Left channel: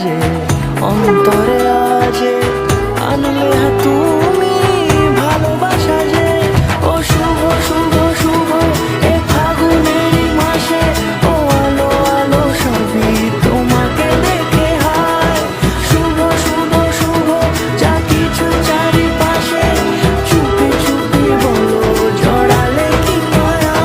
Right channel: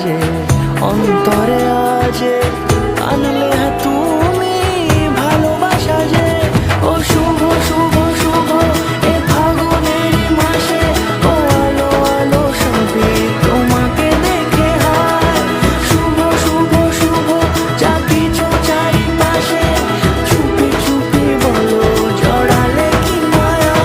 বাজে অন্তরে আজে আনলে তুমি ভালোবাসা যে ও শুভ শুভ শুভ এ ফাগুনেরই মাসে ও আলো আলো সবই তোমাকে দেখে হায় শুভ শুভ শুভ যা কিছু চারিপাশে চুপি চুপি বলো জড়ালে কি মায়া